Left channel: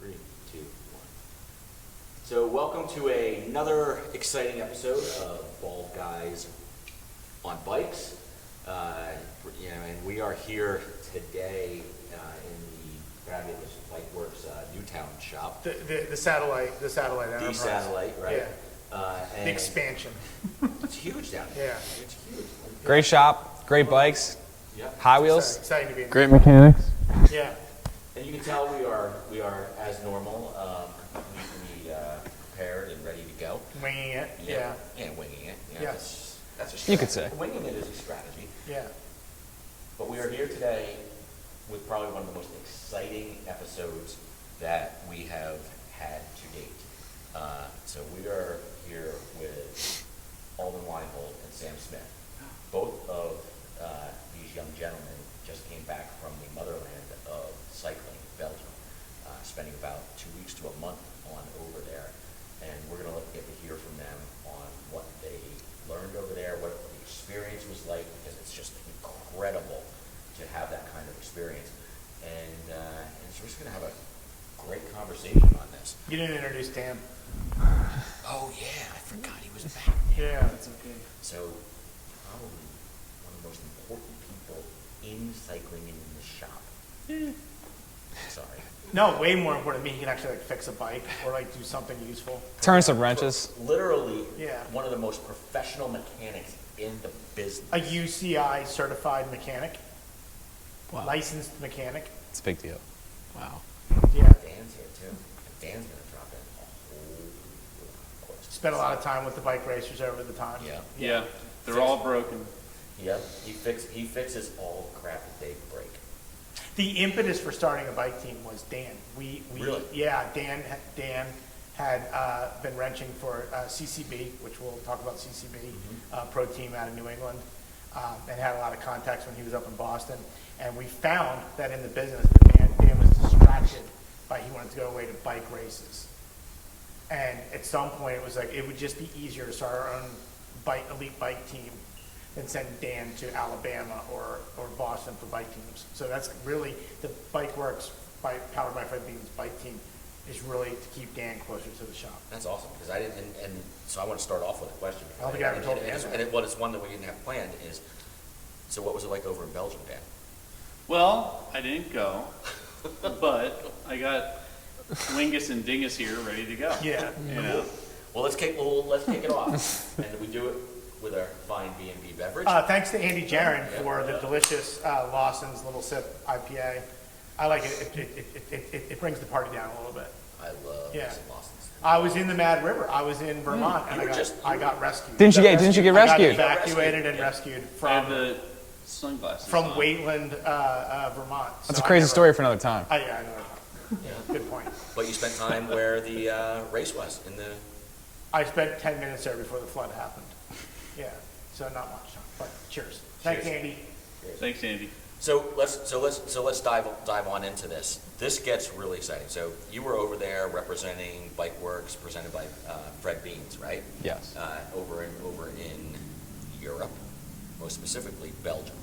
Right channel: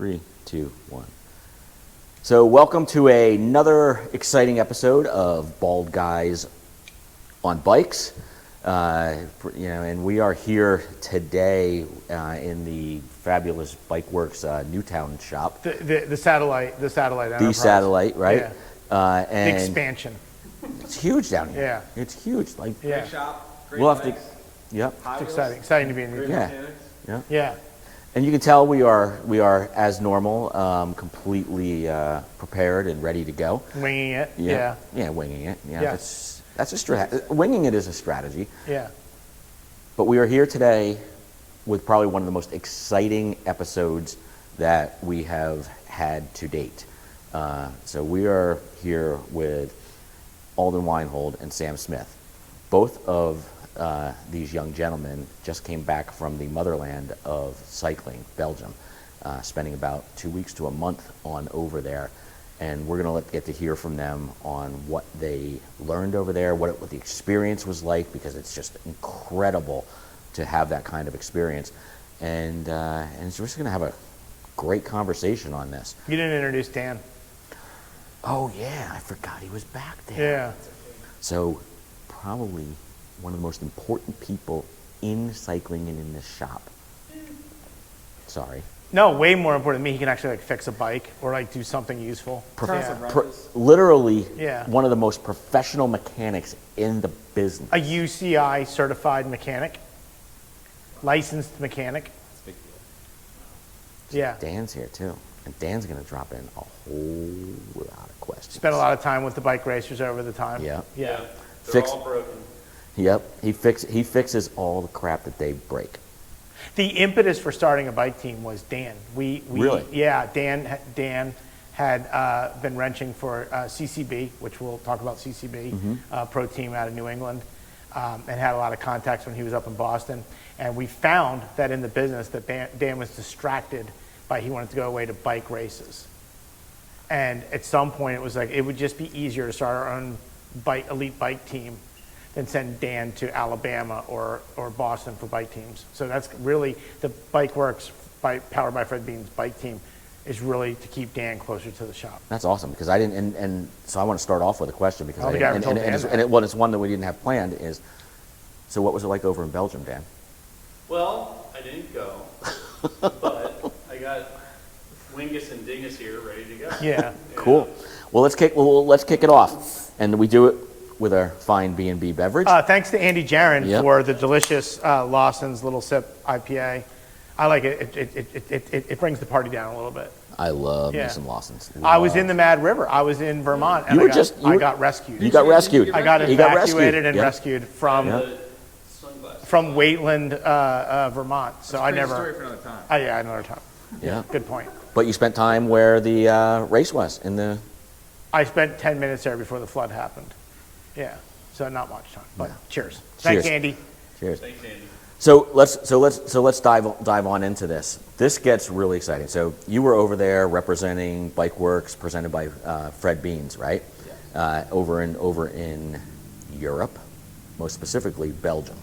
3, 2, 1. So welcome to another exciting episode of Bald Guys on Bikes. And we are here today in the fabulous Bike Works Newtown shop. The satellite enterprise. The satellite, right? Yeah. And The expansion. it's huge down here. Yeah. It's huge. Like Great shop, great Love bikes, Yep. high It's wheels. exciting to be in Great there. mechanics. Yeah. And you can tell we are as normal, completely prepared and ready to go. Winging it. Yeah. Yeah, winging it. Yeah, Yeah. that's a could strategy. say. Winging it is a strategy. Yeah. But we are here today with probably one of the most exciting episodes that we have had to date. So we are here with Alden Weinhold and Sam Smith. Both of these young gentlemen just came back from the motherland of cycling, Belgium, spending about 2 weeks to a month on over there. And we're going to get to hear from them on what they learned over there, what the experience was like, because it's just incredible to have that kind of experience. And so we're just going to have a great conversation on this. You didn't introduce Dan. Oh, yeah, I forgot he was back there. Yeah. So probably one of the most important people in cycling and in this shop. Sorry. No, way more important than me. He can actually fix a bike or do something useful. Turn some wrenches. Literally Yeah. one of the most professional mechanics in the business. A UCI certified mechanic. Wow. Licensed mechanic. It's a big deal. Wow. Yeah. Dan's here too. And Dan's going to drop in a whole lot of questions. Spent a lot of time with the bike racers over the time. Yeah. Yeah. They're all broken. Yep. He fixes all the crap that they break. The impetus for starting a bike team was Dan. Really? Yeah, Dan had been wrenching for CCB, which we'll talk about CCB, pro team out of New England, and had a lot of contacts when he was up in Boston. And we found that in the business that Dan was distracted by he wanted to go away to bike races. And at some point it was like, it would just be easier to start our own elite bike team than send Dan to Alabama or Boston for bike teams. So that's really the Bike Works powered by Fred Bean's bike team is really to keep Dan closer to the shop. That's awesome because I didn't, and so I want to start off with a question because it's one that we didn't have planned is, so what was it like over in Belgium, Dan? Well, I didn't go, but I got Wingus and Dingus here ready to go. Yeah. Cool. Well, let's kick it off, and we do it with our fine B&B beverage. Thanks to Andy Jaron Yep. for the delicious Lawson's Little Sip IPA. I like it. It brings the party down a little bit. I love Yeah. me some Lawson's. I was in the Mad River. I was in Vermont, and I got rescued. Didn't you rescued. get I got rescued? You got evacuated rescued. and Yeah. rescued The sunglasses from on. Wayland, Vermont. That's So a crazy story for another time. Yeah, another time. Yeah. Good point. But you spent time where the race was in the. I spent 10 minutes there before the flood happened. Yeah, so not much time. But cheers. Thanks, Cheers. Andy. Cheers. Thanks, Andy. So let's dive on into this. This gets really exciting. So you were over there representing Bike Works, presented by Fred Beans, right? Yes. Over in Europe, most specifically Belgium.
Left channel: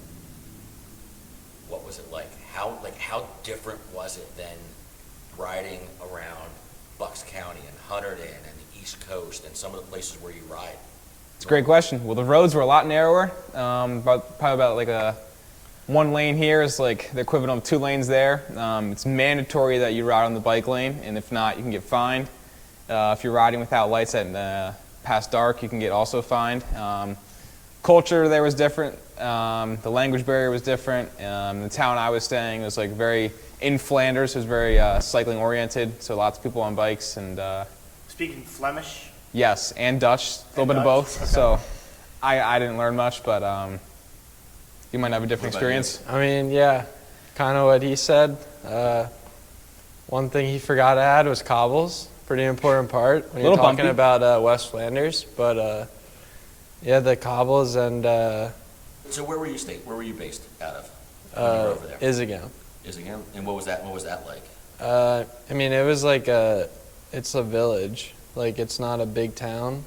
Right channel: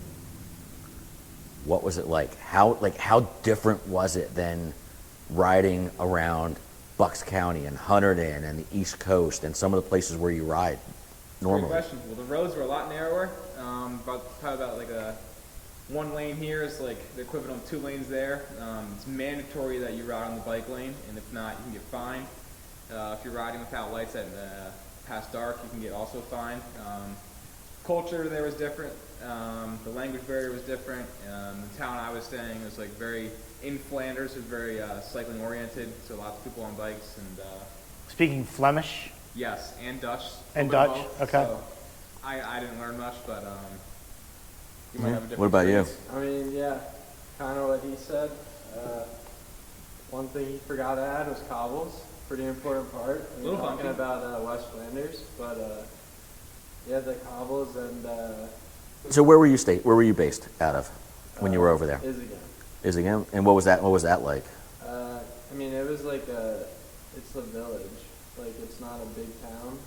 What was it like? How different was it than riding around Bucks County and Hunterdon and the East Coast and some of the places where you ride? It's a great question. Well, the roads were a lot narrower. Probably about like a 1 lane here is like the equivalent of 2 lanes there. It's mandatory that you ride on the bike lane, and if not, you can get fined. If you're riding without lights at past dark, you can get also fined. Culture there was different. The language barrier was different. The town I was staying was like very in Flanders. It was very cycling oriented, so lots of people on bikes and. Speaking Flemish. Yes, and Dutch, a little And bit of Dutch? both. Okay. So I didn't learn much, but you might have a different What about you? experience. I mean, yeah, kind of what he said. One thing he forgot to add was cobbles. Pretty important part when you're Little talking bumpy. about West Flanders. But yeah, the cobbles and So where were you based out of when you were over there? Isegem. And what was that like? I mean, it was like it's a village. Like, it's not a big town.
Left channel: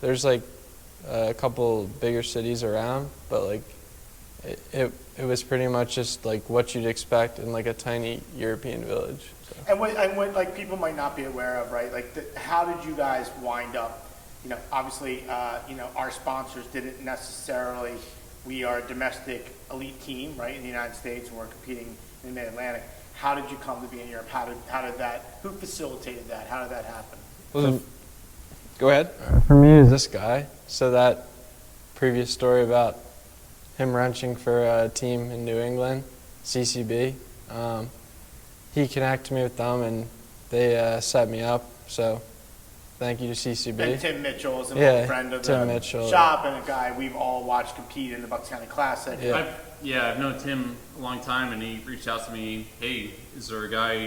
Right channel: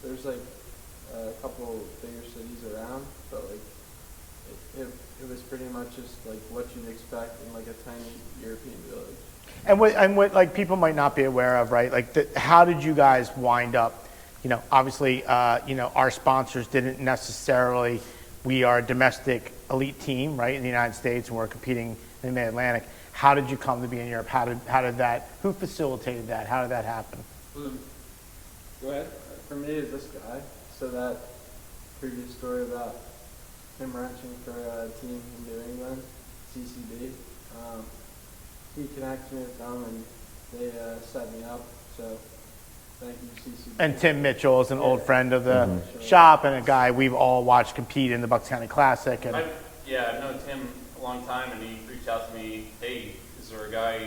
There's like a couple bigger cities around, but like it was pretty much just like what you'd expect in like a tiny European village. So. what like people might not be aware of, right? Like, how did you guys wind up? Obviously, our sponsors didn't necessarily. We are a domestic elite team, right, in the United States, and we're competing in the Mid-Atlantic. How did you come to be in Europe? How did that? Who facilitated that? How did that happen? Go ahead. For me, it was this guy. So that previous story about him wrenching for a team in New England, CCB, he connected me with them, and they set me up. So thank you to CCB. And Tim Mitchell is an old friend of Tim the Mitchell, shop and a guy we've all watched compete in the Bucks County Classic. Yeah. I've known Tim a long time, and he reached out to me, hey, is there a guy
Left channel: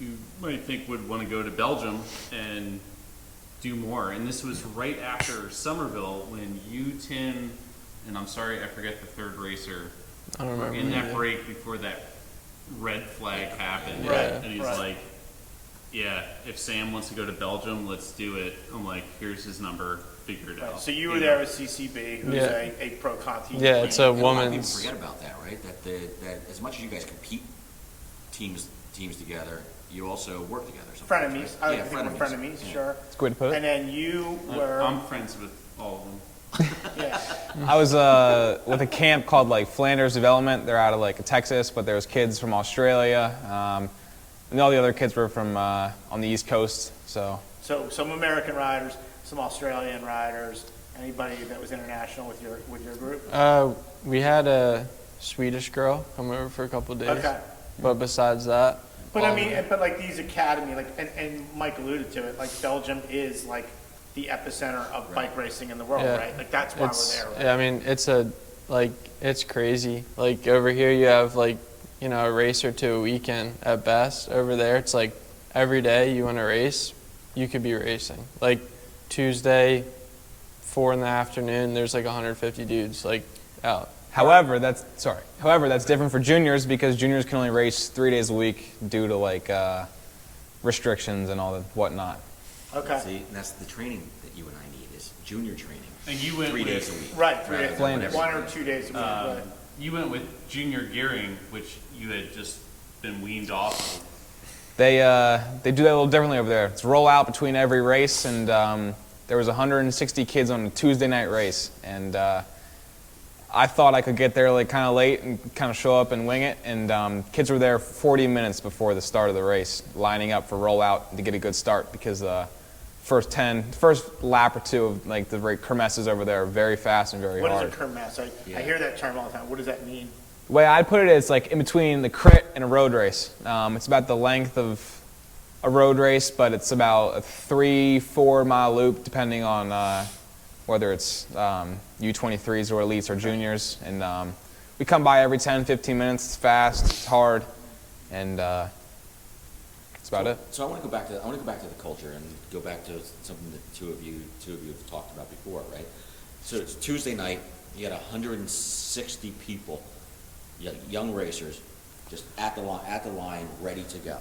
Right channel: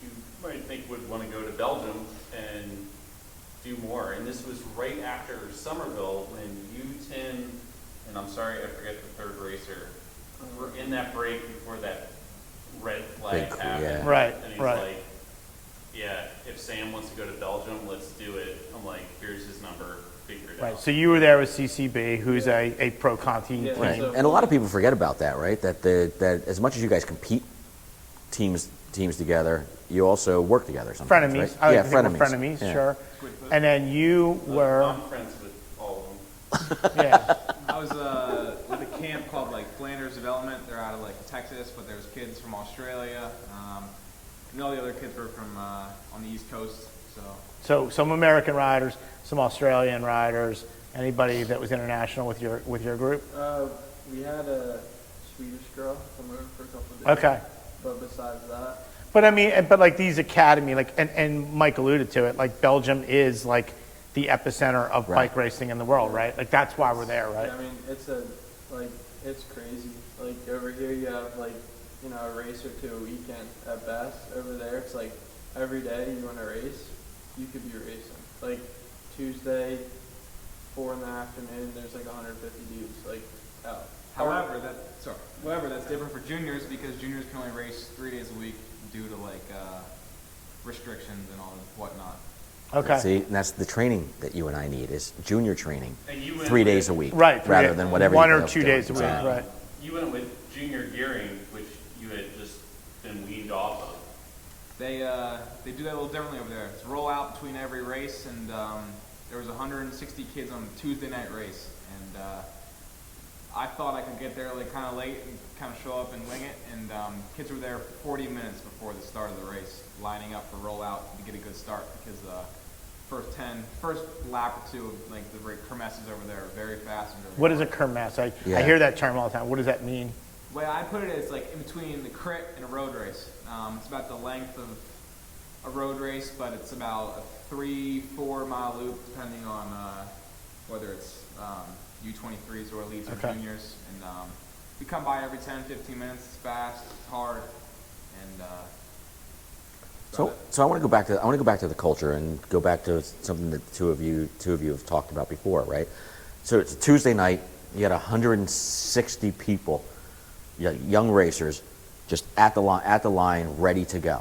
you might think would want to go to Belgium and do more? And this was right after Somerville when you, Tim, and I'm sorry, I forget the third racer, I don't were remember. in that break before that red flag Big, happened. yeah. Right, And he's right. like, yeah, if Sam wants to go to Belgium, let's do it. I'm like, here's his number, figure it Right. out. So you were there with CCB, who's Yeah. a pro Conti. Yeah, Right. it's a And a lot of people woman's- forget about that, right? That as much as you guys compete teams together, you also work together sometimes, Frenemies. right? I like Yeah, to think of frenemies. frenemies, Yeah. sure. That's a good way to put it. And then you were, I'm friends with all of them. yeah. I was with a camp called like Flanders Development. They're out of like Texas, but there was kids from Australia, and all the other kids were from on the East Coast. So Some American riders, some Australian riders. Anybody that was international with your group? We had a Swedish girl come over for a couple of days. Okay. But besides that, But I mean, but like these academy, like, and Mike alluded to it, like Belgium is like the epicenter of Right. bike racing in the world, Yeah. right? Like that's why we're it's- there, right? yeah, I mean, it's crazy. Like over here, you have like, a race or two a weekend at best. Over there, it's like every day you want to race, you could be racing. Like Tuesday, 4 in the afternoon, there's like 150 dudes like out. However, that's different for juniors because juniors can only race 3 days a week due to like restrictions and all the whatnot. Okay. See, and that's the training that you and I need is junior training, And you went 3 with- days a week, Right, 3 rather days. than whatever. One you or end up 2 doing. days a week, Yeah. right? You went with junior gearing, which you had just been weaned off of. They do that a little differently over there. It's roll out between every race, and there was 160 kids on a Tuesday night race, and I thought I could get there like kind of late and kind of show up and wing it, and kids were there 40 minutes before the start of the race, lining up for roll out to get a good start because first lap or two of like the kermesses over there are very fast and very What is hard. a kermesse? I Yeah. hear that term all the time. What does that mean? The way I put it is like in between the crit and a road race. It's about the length of a road race, but it's about a 3-4 mile loop depending on whether it's U23s or elites or juniors. And we come by every 10-15 minutes. It's fast, it's hard, and that's about it. So I want to go back to the culture and go back to something that two of you have talked about before, right? So it's Tuesday night. You had 160 people, young racers, just at the line, ready to go.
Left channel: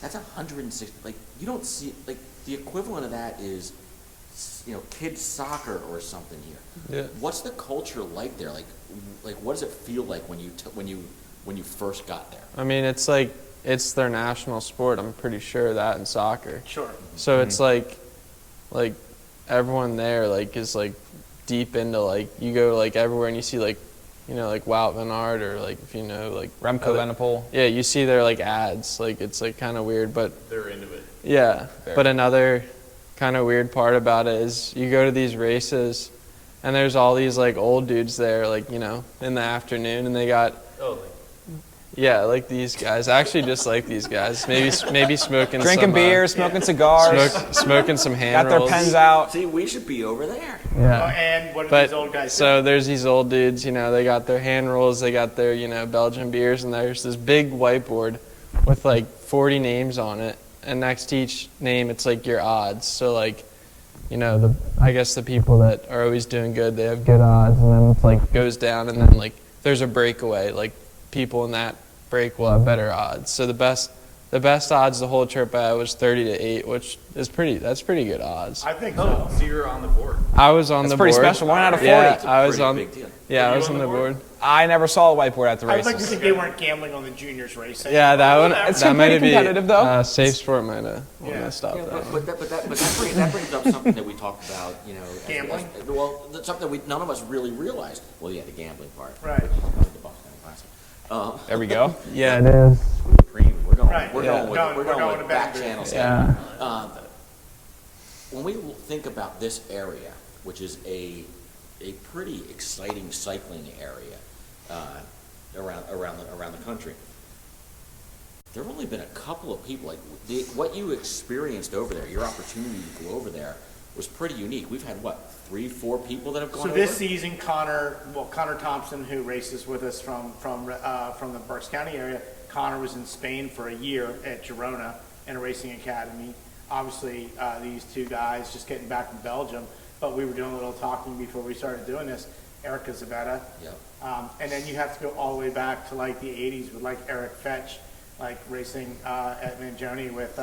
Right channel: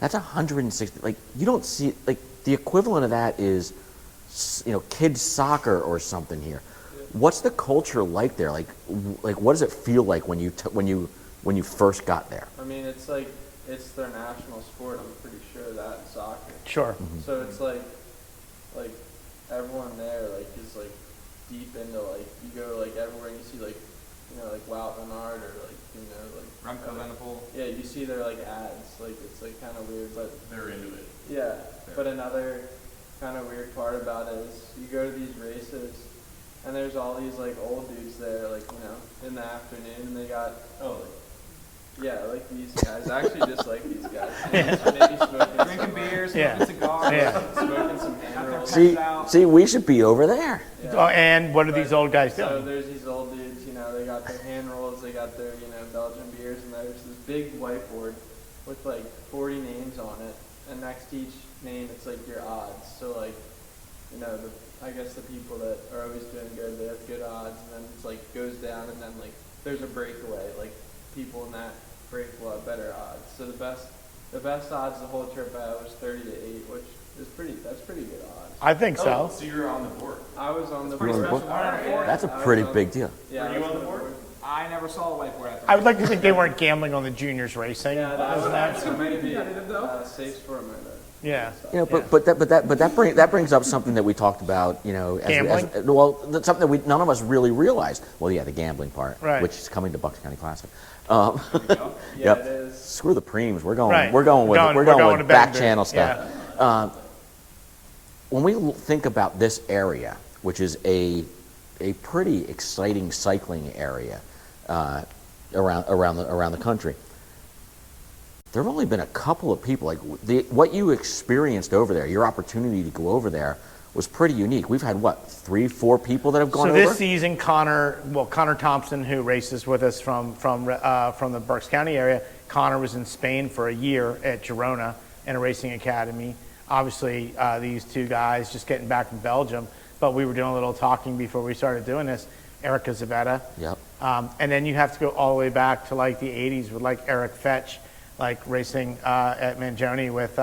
That's 160. Like you don't see like the equivalent of that is, kids soccer or something here. Yeah. What's the culture like there? Like what does it feel like when you first got there? I mean, it's like it's their national sport. I'm pretty sure of that in soccer. Sure. So it's like everyone there like is like deep into like you go like everywhere and you see like like Wout van Aert or like if like Remco Evenepoel. yeah, you see their like ads, like it's like kind of weird, but They're into it. yeah. Fair. But another kind of weird part about it is you go to these races and there's all these like old dudes there like in the afternoon and they got Oh, yeah, like these guys. I actually just like these guys. Maybe smoking Drinking some, beer, smoking cigars, smoking some hand got their rolls. pens out. See, we should be over there. Oh, and what are these old guys So doing? there's these old dudes, they got their hand rolls, they got their, Belgian beers, and there's this big whiteboard with like 40 names on it, and next to each name it's like your odds. So like, I guess the people that are always doing good, they have good odds, and then it's like goes down, and then like there's a breakaway, like people in that break will have better odds. So the best odds the whole trip I had was 30-8, which is that's pretty good odds. I think so. so you're on the board. I was on That's the pretty board. special. 1 out of 40. Yeah, That's a I was pretty on, big deal. Yeah, I Were you was on on the the board? board. I never saw a whiteboard at the I would races. like to think they weren't gambling on the juniors racing. Yeah, that one. It's That might pretty be competitive, though. Safe Sport might have. Yeah. Stopped Yeah, there. that brings up something that we talked about, Gambling? well, that's something that none of us really realized. Well, yeah, the gambling part, Right. which is coming to Bucks County Classic. There we go. Yeah, Yep. it is. Screw the preams. We're going. Right. We're going with. Going- We're we're going going with to back Bend. channel stuff. Yeah. When we think about this area, which is a pretty exciting cycling area around the country, there have only been a couple of people. Like what you experienced over there, your opportunity to go over there was pretty unique. We've had what 3-4 people that have gone So over. this season, Connor Thompson, who races with us from the Berks County area, Connor was in Spain for a year at Girona in a racing academy. Obviously, these two guys just getting back from Belgium, but we were doing a little talking before we started doing this. Erica Zavetta. Yep. And then you have to go all the way back to like the 80s with like Eric Fetch, like racing at Mangione with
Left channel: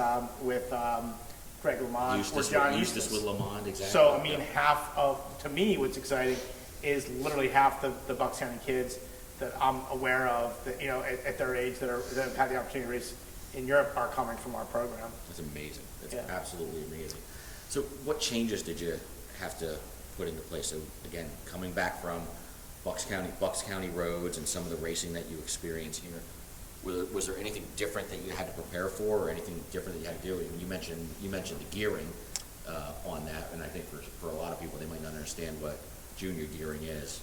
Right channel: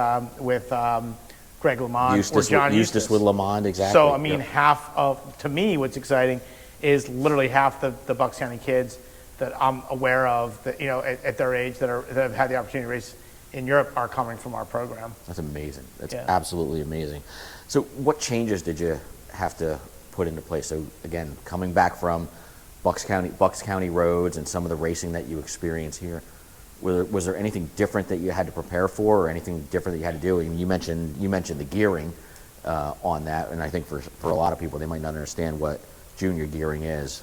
Greg LeMond or John Eustace with Lamond, exactly. So, I mean, Yep. half of, to me, what's exciting is literally half the Bucks County kids that I'm aware of that, at their age that have had the opportunity to race in Europe are coming from our program. That's amazing. That's Yeah. absolutely amazing. So what changes did you have to put into place? So again, coming back from Bucks County roads and some of the racing that you experience here, was there anything different that you had to prepare for, or anything different that you had to do? And you mentioned the gearing on that, and I think for a lot of people, they might not understand what junior gearing is.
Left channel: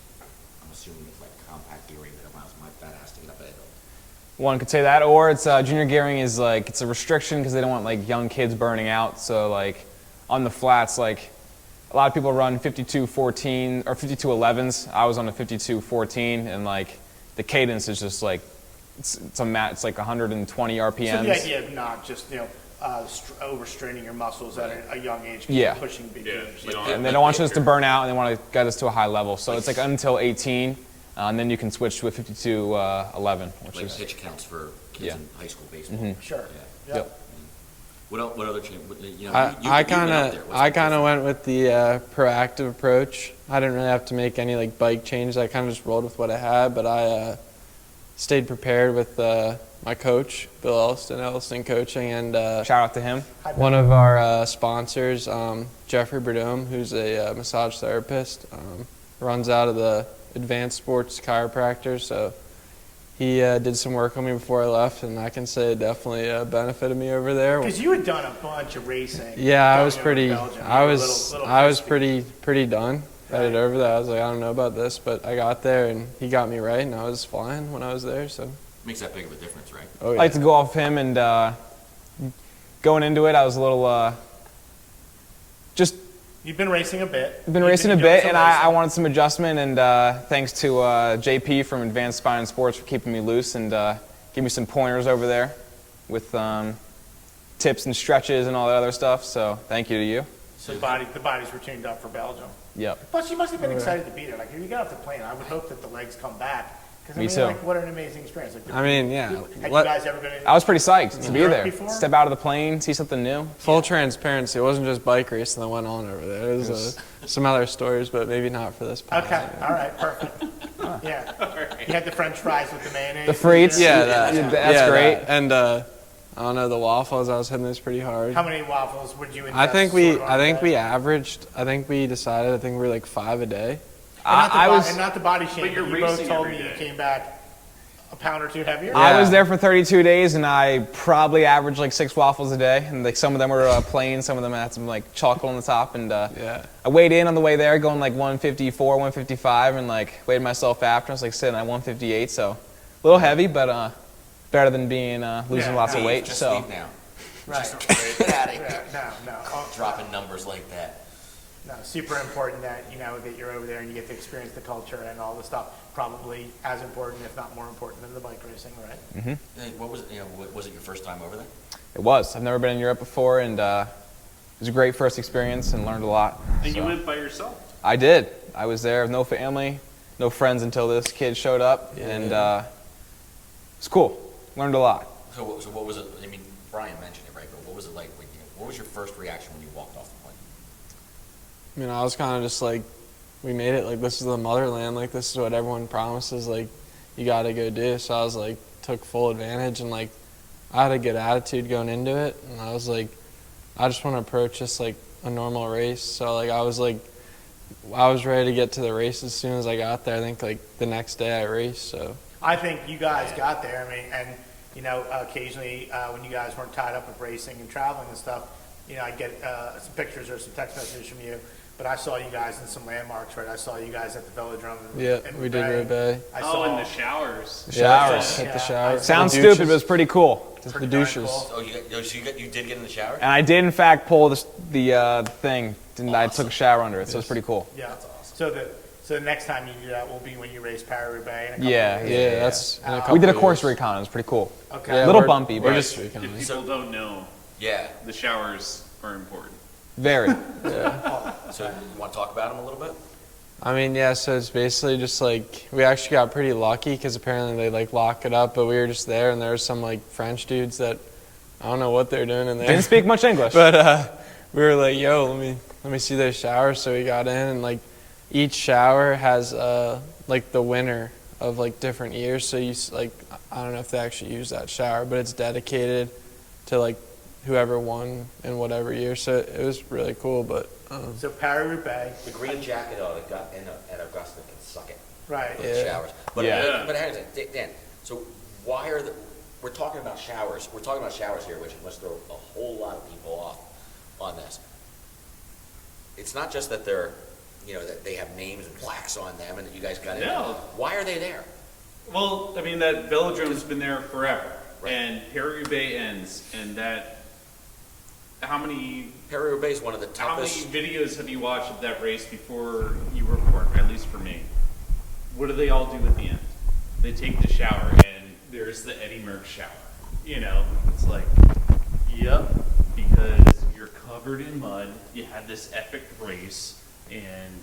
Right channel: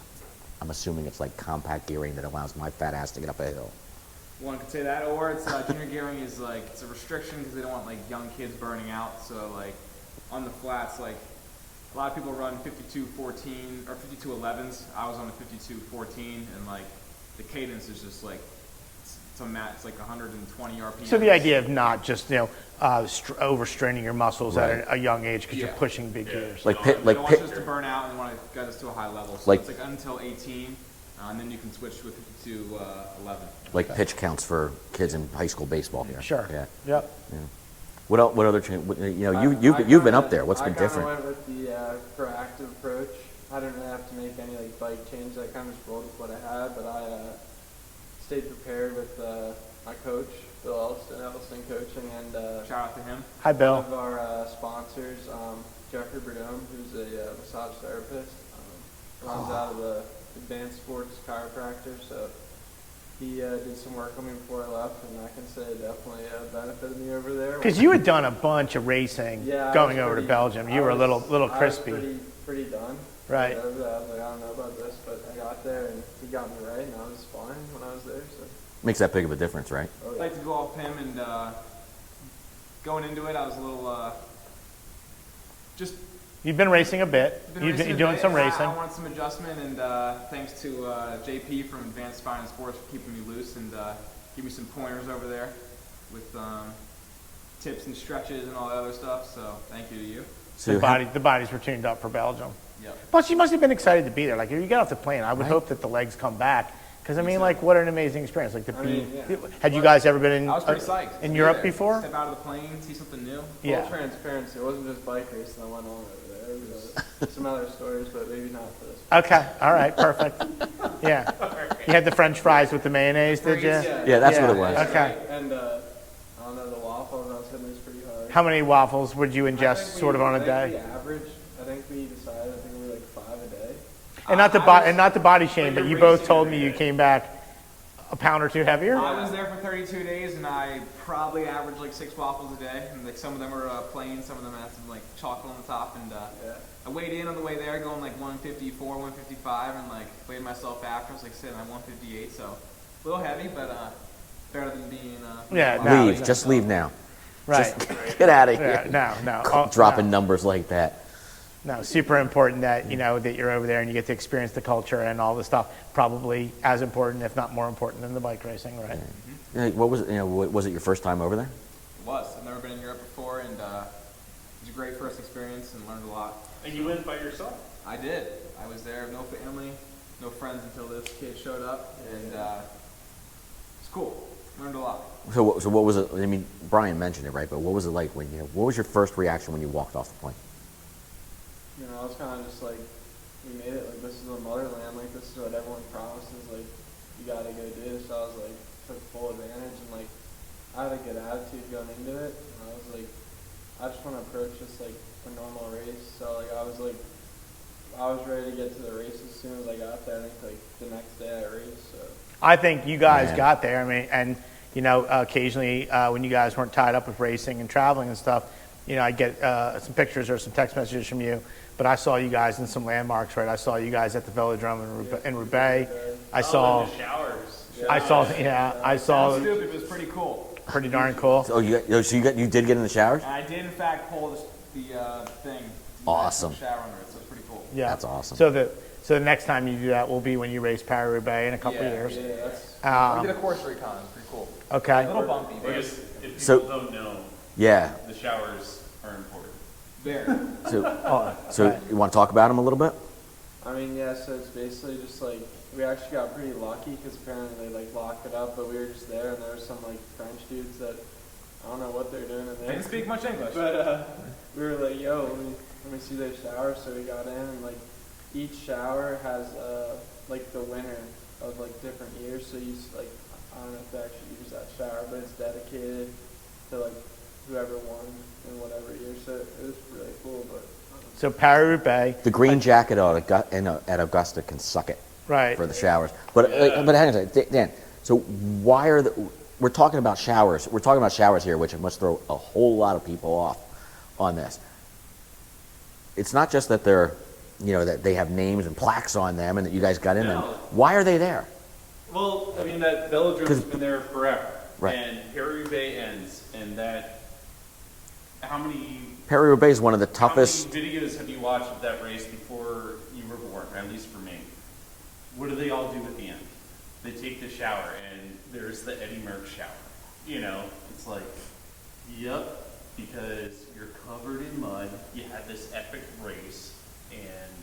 I'm assuming it's like compact gearing that allows my fat ass to get up a hill. One could say that, or it's junior gearing is like it's a restriction because they don't want like young kids burning out. So like on the flats, like a lot of people run 52.14 or 52.11s. I was on a 52.14, and like the cadence is just like it's like 120 RPMs. So the idea of not just, overstraining your muscles at a young age because Yeah. you're pushing big gears. Like And they don't want us to burn out, and they want to get us to a high level. So Like- it's like until 18, and then you can switch to a 52.11. like pitch counts for kids Yeah. in high school baseball. Mm-hmm. Sure. Yeah. Yep. What other change? You've I been kinda- up there. What's I been kind of different? went with the proactive approach. I didn't really have to make any like bike changes. I kind of just rolled with what I had, but I stayed prepared with my coach, Bill Elston Coaching, and Shout out to him. Hi, Bill. one of our sponsors, Jeffrey Burdome, who's a massage therapist, runs out of the Advanced Sports Chiropractor. So he did some work on me before I left, and I can say it definitely benefited me over there. Because you had done a bunch of racing. Yeah, I going was over pretty. To Belgium. You I were was. a little I was crispy. pretty done. Right. Right over there, I was like, I don't know about this, but I got there and he got me right, and I was flying when I was there. So. Makes that big of a difference, right? Oh I yeah. like to go off him, and going into it, I was a little just You've been racing a bit. been You've racing a doing bit, some and I racing. wanted some adjustment. And thanks to JP from Advanced Spine and Sports for keeping me loose and give me some pointers over there with tips and stretches and all that other stuff. So thank you to you. So The bodies were tuned up for Belgium. Yep. Plus, you must have been excited to be there. Like, if you get off the plane, I would hope that the legs come back. Because, I Me mean, too. like, what an amazing experience. Like, I mean, yeah. Had you guys ever been in? I was pretty psyched to in be Europe there. before? Step out of the plane, see something new. Full Yeah. transparency. It wasn't just bike racing that went on over there. It was some other stories, but maybe not for this. podcast. Okay, all right, perfect. Yeah. You had the French fries with the mayonnaise. The frites? did you? Yeah, that's what it was. That's great. And I don't know, the waffles. I was hitting those pretty hard. How many waffles would you ingest? I think sort of on a day? we averaged. I think we decided. I think we were like 5 a day. And not, I was- and not the body shame, But but you're you both racing told every me you day. came back a pound or two heavier. I Yeah. was there for 32 days, and I probably averaged like 6 waffles a day. And like some of them were plain, some of them had some like chocolate on the top. And Yeah. I weighed in on the way there, going like 154, 155, and like weighed myself after. I was like sitting at 158, so a little heavy, but better than being losing Yeah, lots no. of leave. weight. Just so. leave now. Right. Get out of Yeah, here. no. Oh, Dropping numbers like that. No, super important that, that you're over there and you get to experience the culture and all the stuff. Probably as important, if not more important than the bike racing, right? What was it? Was it your first time over there? It was. I've never been in Europe before, and it was a great first experience and learned a lot. And you So. went by yourself. I did. I was there with no family, no friends until this kid showed up, and it's cool. Learned a lot. So what was it? I mean, Brian mentioned it, right? But what was it like when what was your first reaction when you walked off the plane? I mean, I was kind of just like we made it. Like, this is the motherland. Like, this is what everyone promises. Like, you got to go do. So I was like, took full advantage, and like, I had a good attitude going into it, and I was like, I just want to approach this like a normal race. So like, I was ready to get to the race as soon as I got there. I think like the next day I raced. So I think you guys got there. I mean, and you know, occasionally when you guys weren't tied up with racing and traveling and stuff, you know, I get some pictures or some text messages from you. But I saw you guys in some landmarks, right? I saw you guys at the Velodrome in we did Roubaix. I saw in the showers. I saw Sounds stupid, but it's pretty cool. pretty darn cool. Oh, you did get in the shower? And I did, in fact, pull the thing, and I took Awesome. a shower under it, so it's pretty cool. Yeah, That's awesome. So the next time you do that will be when you race Paris-Roubaix in a couple Yeah, of years. yeah, that's. We did a course recon. It was pretty cool. Okay. A little bumpy, but If people So- don't know, Yeah. the showers are important. very. So you want to talk about them a little bit? I mean, yeah, so it's basically just like, we actually got pretty lucky because apparently they like lock it up, but we were just there and there were some like French dudes that, I don't know what they're doing in there. Didn't speak much English. But we were like, yo, let me see those showers. So we got in, and like each shower has like the winner of like different years. So like, I don't know if they actually use that shower, but it's dedicated to like whoever won in whatever year. So it was really cool. But So Paris-Roubaix, The green jacket at Augusta can suck it right? for the showers. But Yeah. but hang on a second, Dan. So why are we're talking about showers? We're talking about showers here, which must throw a whole lot of people off on this. It's not just that they're, you know, that they have names and plaques on them, and that you guys got in them. No. Why are they there? Well, I mean, that velodrome's been there forever. Right. And Paris-Roubaix ends, and that, how many Paris-Roubaix is one of the toughest. How many videos have you watched of that race before you were born, at least for me? What do they all do at the end? They take the shower, and there's the Eddie Merckx shower. You know, it's like, yep, because you're covered in mud, you had this epic race, and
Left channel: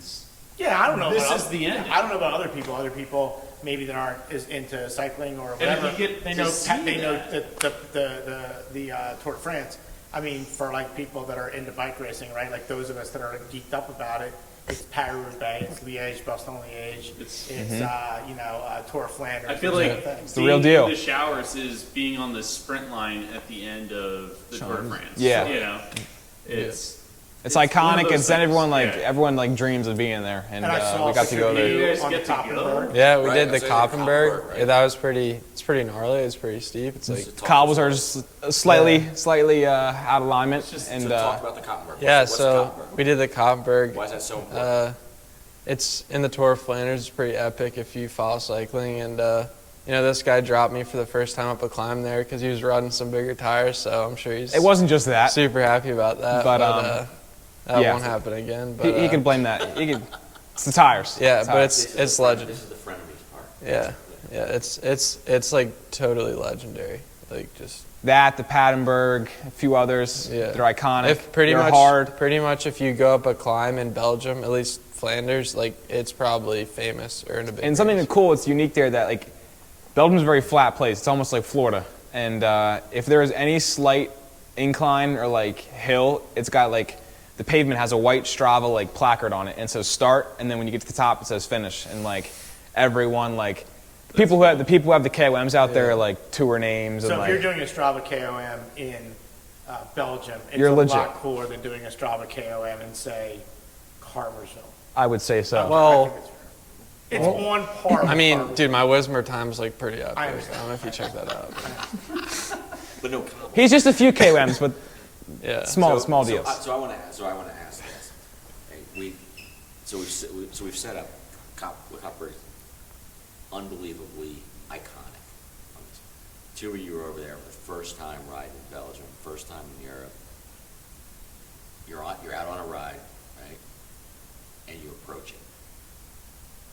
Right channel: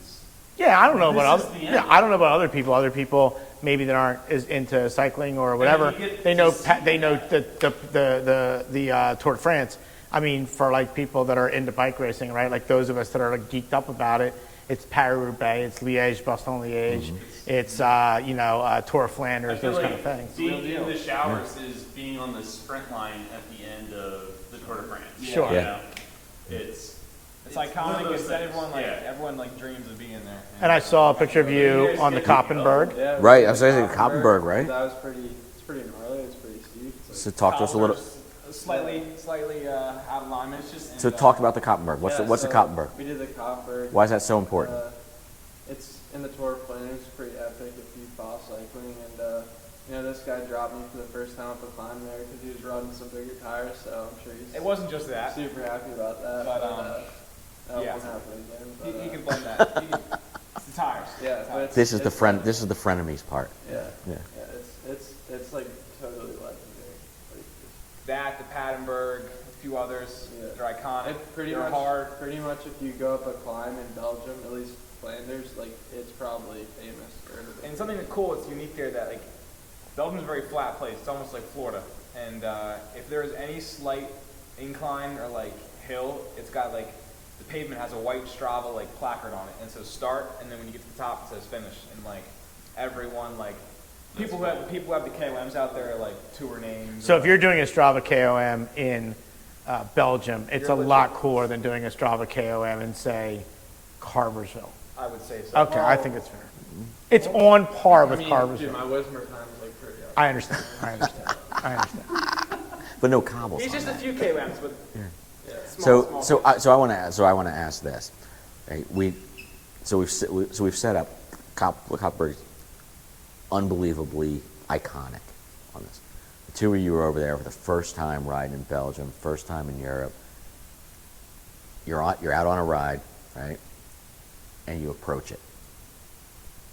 Yeah, I don't know This about is the yeah, end. I don't know about other people. Other people maybe that aren't as into cycling or whatever. you get They to know see they know that. the Tour de France. I mean, for like people that are into bike racing, right? Like those of us that are like geeked up about it. It's Paris-Roubaix, it's Liège, Bastogne-Liège, it's you know, Tour of Flanders. I feel those like kind of things. the real being deal. in the showers is being on the sprint line at the end of the Tour de France. Yeah. You Yeah. know? It's It's one of iconic. those It's that things, everyone like dreams of being there. And I saw we a got to picture go of there. you guys on the get to Koppenberg. yeah, we Right, did I the was saying Koppenberg. Koppenberg, right? Yeah, that was it's pretty gnarly. It's pretty steep. It's like, So talk to us a Cobbles are little- just slightly out of alignment. just- and, talk about the Koppenberg. What's the Koppenberg? we did the Koppenberg. Why is that so important? It's in the Tour of Flanders. It's pretty epic if you follow cycling. And, you know, this guy dropped me for the first time up a climb there because he was running some bigger tires. So I'm sure he's It wasn't just that. super happy about that. But, that yeah. won't happen again. But, He can blame that. It's the tires. Yeah, It's but tires. This is it's the friend. legend. This is the frenemies part. Yeah, Yeah. yeah. It's like totally legendary. Like just that, the Padenburg, a few others. Yeah. They're iconic. if pretty They're much hard. pretty much if you go up a climb in Belgium, at least Flanders, like it's probably famous or in a big And something race. cool, it's unique there that like Belgium's a very flat place. It's almost like Florida. And if there is any slight incline or like hill, it's got like the pavement has a white Strava like placard on it, and so start, and then when you get to the top, it says finish. And like everyone like the people who have the KOMs out there like tour names. So and, if you're like, doing a Strava KOM in Belgium, it's You're a legit. lot cooler than doing a Strava KOM in, say, Carversville. I would say so. Okay, I think it's fair. It's on par with I mean, Carversville. dude, my Wismer time is like pretty up. I there. understand. I don't know if you check that out. I understand. But no cobbles. He's just a few KOMs, but Yeah. small deals. So I want to ask this. Right? We've set up Koppenberg's unbelievably iconic on this. The two of you were over there for the first time riding in Belgium, first time in Europe. You're out on a ride, right? And you approach it.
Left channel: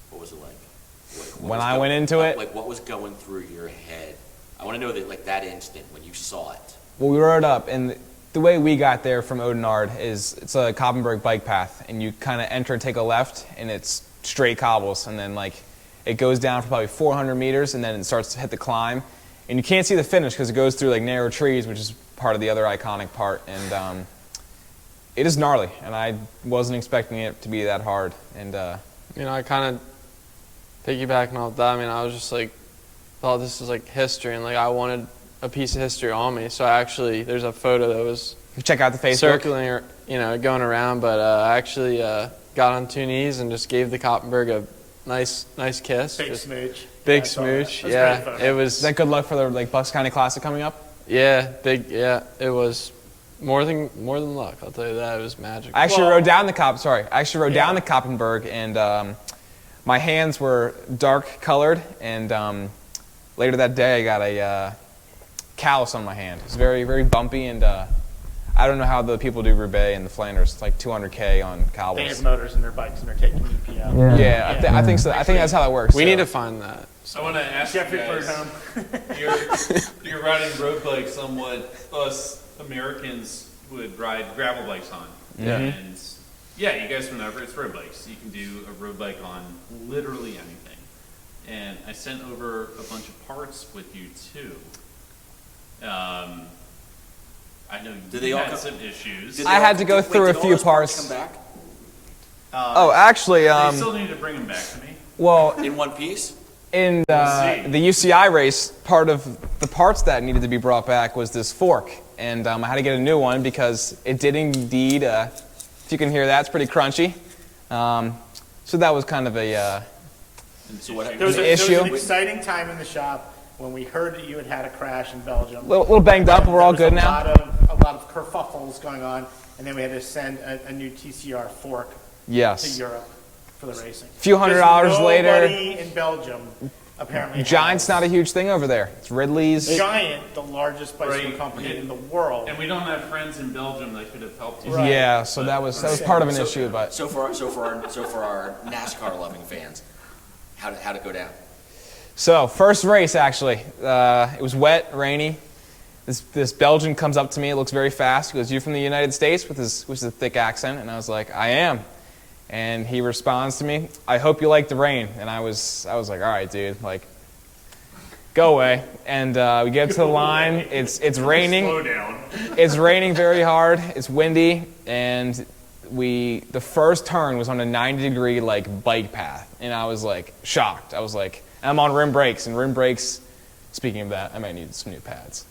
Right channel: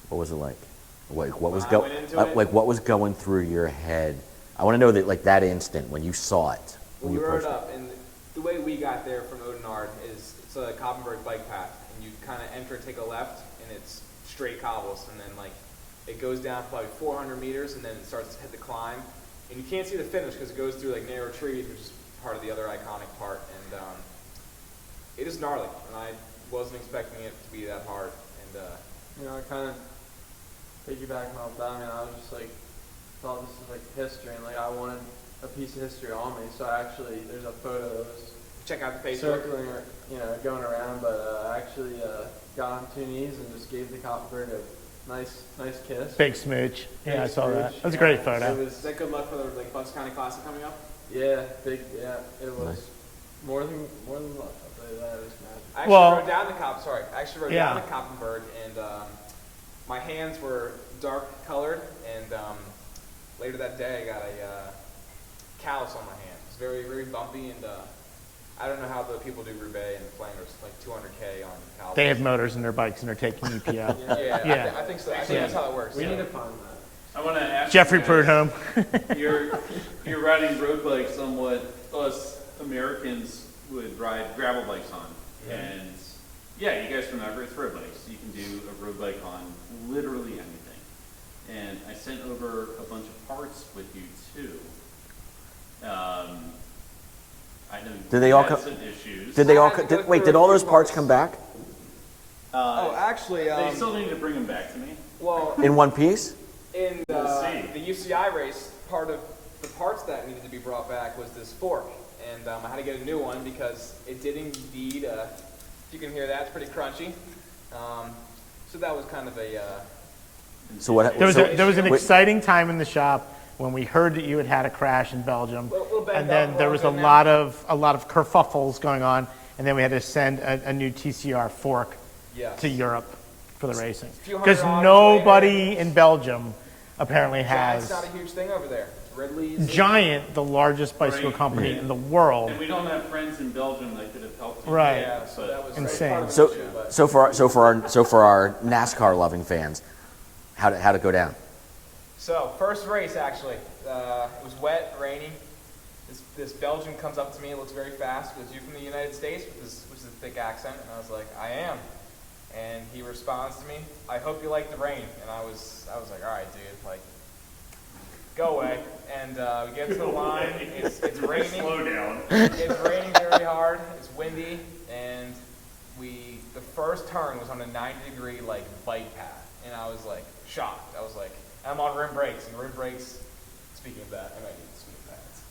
What was it like? What When was I went into it? like what was going through your head? I want to know that, like, that instant when you saw it. Well, we rode up, and the way we got there from Oudenaarde is it's a Koppenberg bike path, and you kind of enter and take a left, and it's straight cobbles, and then like it goes down for probably 400 meters, and then it starts to hit the climb, and you can't see the finish because it goes through like narrow trees, which is part of the other iconic part, and it is gnarly, and I wasn't expecting it to be that hard, and I kind of piggybacking off that. I mean, I was just like, thought this was like history, and like I wanted a piece of history on me. So I actually, there's a photo that was Check out the Facebook. circling or going around, but I actually got on 2 knees and just gave the Koppenberg a nice kiss. Big smooch. Big Yeah, I saw that. smooch. That was a yeah, great photo. it was. Is that good luck for the like Bucks County Classic coming up? Yeah, big. Yeah, it was more than luck. I'll tell you that. It was magic. I actually Well- rode down the down Yeah. the Koppenberg, and my hands were dark colored, and later that day I got a callus on my hand. It's very, very bumpy, and I don't know how the people do Roubaix and the Flanders. It's like 200K on cowboys. They have motors in their bikes and they're taking EPO. Yeah, I think so. I think that's how that works. we so. need to find that. I want to ask Jeffrey you guys, Prudhomme. you're riding road bikes on what us Americans would ride gravel bikes on. Yeah. And yeah, you guys remember it's road bikes. You can do a road bike on literally anything. And I sent over a bunch of parts with you too. I know Did they you all had come- some issues. Did I they all had co- to go did- wait, through did a all few those parts parts. come back Oh, actually, they still need to bring them back to me. well, in one piece? in see. the UCI race, part of the parts that needed to be brought back was this fork, and I had to get a new one because it did indeed. If you can hear that, it's pretty crunchy. So that was kind of a. So what? There was, so- there was an issue. exciting time in the shop when we heard that you had had a crash in Belgium. Little banged up, And we're all good there now. was a lot of kerfuffles going on, and then we had to send a new TCR fork Yes. to Europe for the racing. Few $100 'Cause later. Nobody in Belgium apparently Giant's has. not a huge thing over there. It's Ridley's. Giant, the largest bicycle Right. company in the world. And we don't have friends in Belgium that could have helped you. Right. Yeah, so that was part of an so, issue, but so for our NASCAR loving fans, how'd it go down? so first race actually, it was wet, rainy. This Belgian comes up to me. It looks very fast. He goes, "You from the United States?" with a thick accent, and I was like, "I am." And he responds to me, "I hope you like the rain." And I was like, "All right, dude, like, go away." And we get to the line. It's raining. Slow down. It's raining very hard. It's windy, and the first turn was on a 90-degree like bike path, and I was like shocked. I was like, I'm on rim brakes, and rim brakes. Speaking of that, I might need some new pads.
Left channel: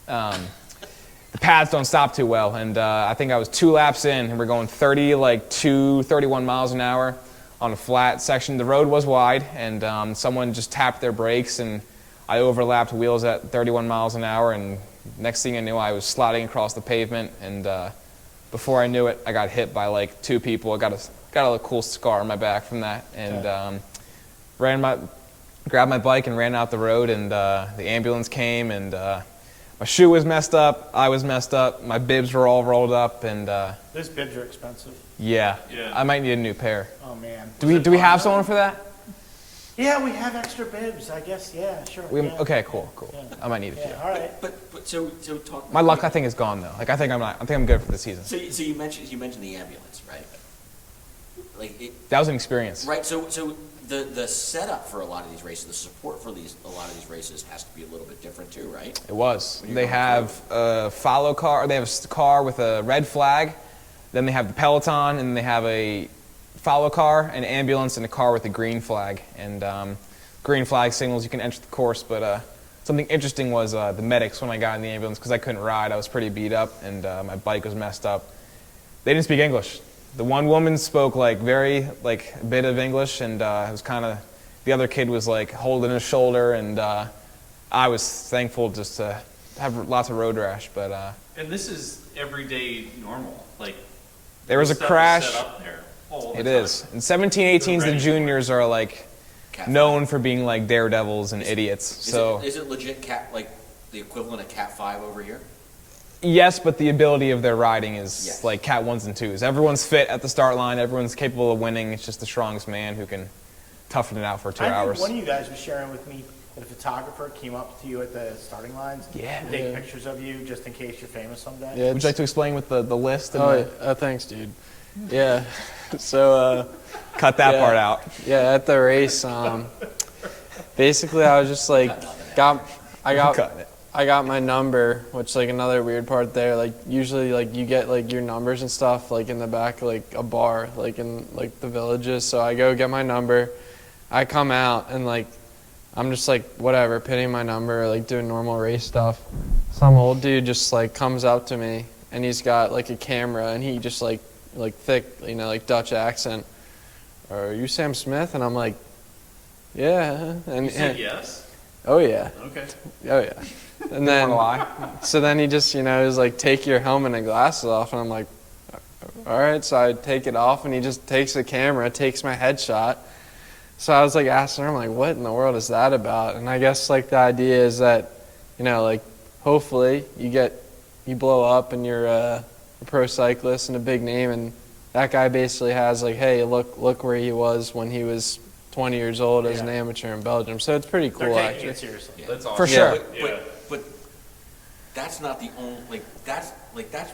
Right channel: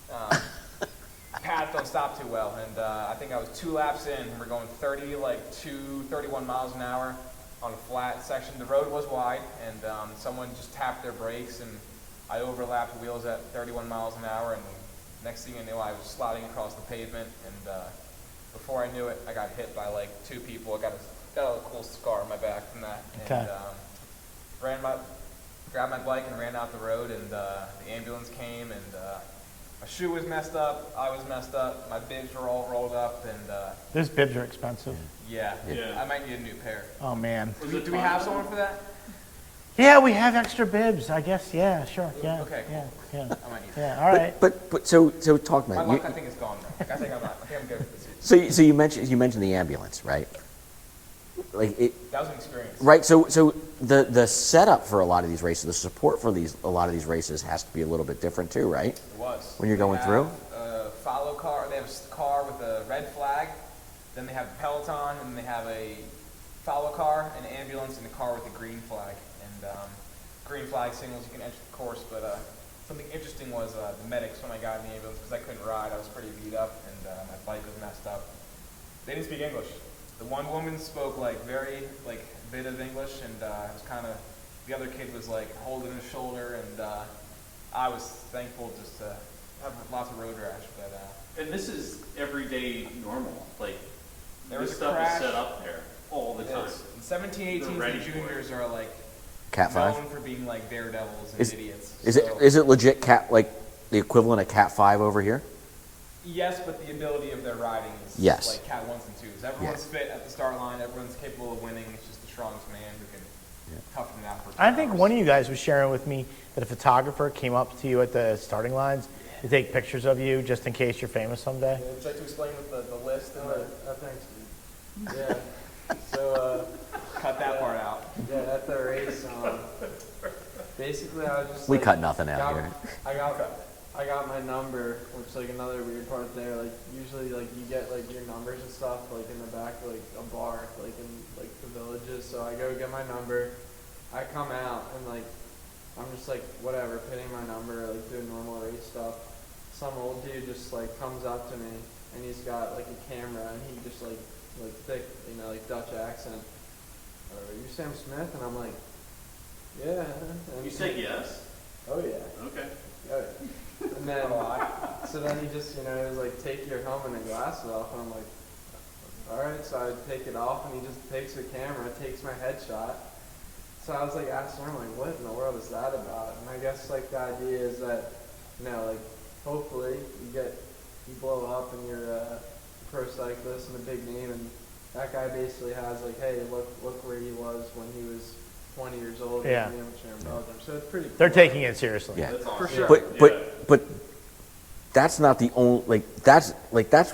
The pads don't stop too well, and I think I was 2 laps in, and we're going 31 miles an hour on a flat section. The road was wide, and someone just tapped their brakes, and I overlapped wheels at 31 miles an hour, and next thing I knew, I was sliding across the pavement, and before I knew it, I got hit by like 2 people. I got a cool scar on my back from that, and grabbed my bike and ran out the road, and the ambulance came, and my shoe was messed up, I was messed up, my bibs were all rolled up, and Those bibs are expensive. yeah, Yeah. I might need a new pair. Oh, man. Do we have someone for that? Yeah, we have extra bibs, I guess. Yeah, sure. Yeah, Okay, cool. yeah, I might need it. Yeah, all right. But so talk. My luck, I think, is gone though. Like I think I'm good for the season. So you mentioned the ambulance, right? Like it, That was an experience. right. So the setup for a lot of these races, the support for a lot of these races has to be a little bit different too, right? It was. When you're They going have a follow car. They have a car with a red flag. Then they have the peloton, and they have a follow car, an ambulance, and a car with a green flag. And green flag signals you can enter the course. But something interesting was the medics when I got in the ambulance, because I couldn't ride. I was pretty beat up, and my bike was messed up. They didn't speak English. The one woman spoke a bit of English, and it was kind of, the other kid was like holding his shoulder, and I was thankful just to have lots of road rash. But And this is everyday normal. Like there was a this stuff is crash. set up there all the It time. is. And 17, 18s, the ready for it. juniors are like Cat known for being like daredevils and Is- idiots. Is So it legit like the equivalent of Cat 5 over here? yes, but the ability of their riding is Yes. like Cat 1s and 2s. Everyone's fit at the start line. Everyone's capable of winning. It's just the strongest man who can toughen it out for 2 I hours. think one of you guys was sharing with me that a photographer came up to you at the starting lines to take pictures of you just in case you're famous someday. Yeah, Would you like to explain with the list? And oh, thanks, dude. Yeah. So, cut that Yeah. part out. yeah, at the race, basically I was just We like, cut nothing out got, here. I got, Cutting it. I got my number, which like another weird part there. Like usually like you get like your numbers and stuff like in the back of, like a bar, like in like the villages. So I go get my number. I come out and like I'm just like whatever, pitting my number, like doing normal race stuff. Some old dude just like comes up to me and he's got like a camera and he just like thick, like Dutch accent. Are you Sam Smith? And I'm like, yeah. You said yes? Oh yeah. Okay. Oh yeah. And then, so then he just, was like, take your helmet and glasses off. And I'm like, all right. So I take it off and he just takes the camera, takes my headshot. So I was like asking her, I'm like, what in the world is that about? And I guess like the idea is that, like hopefully you blow up and you're a pro cyclist and a big name. And that guy basically has like, hey, look where he was when he was 20 years old as an amateur in Belgium. So it's pretty cool. They're taking it seriously. Yeah. That's awesome. For sure. But that's not the only, that's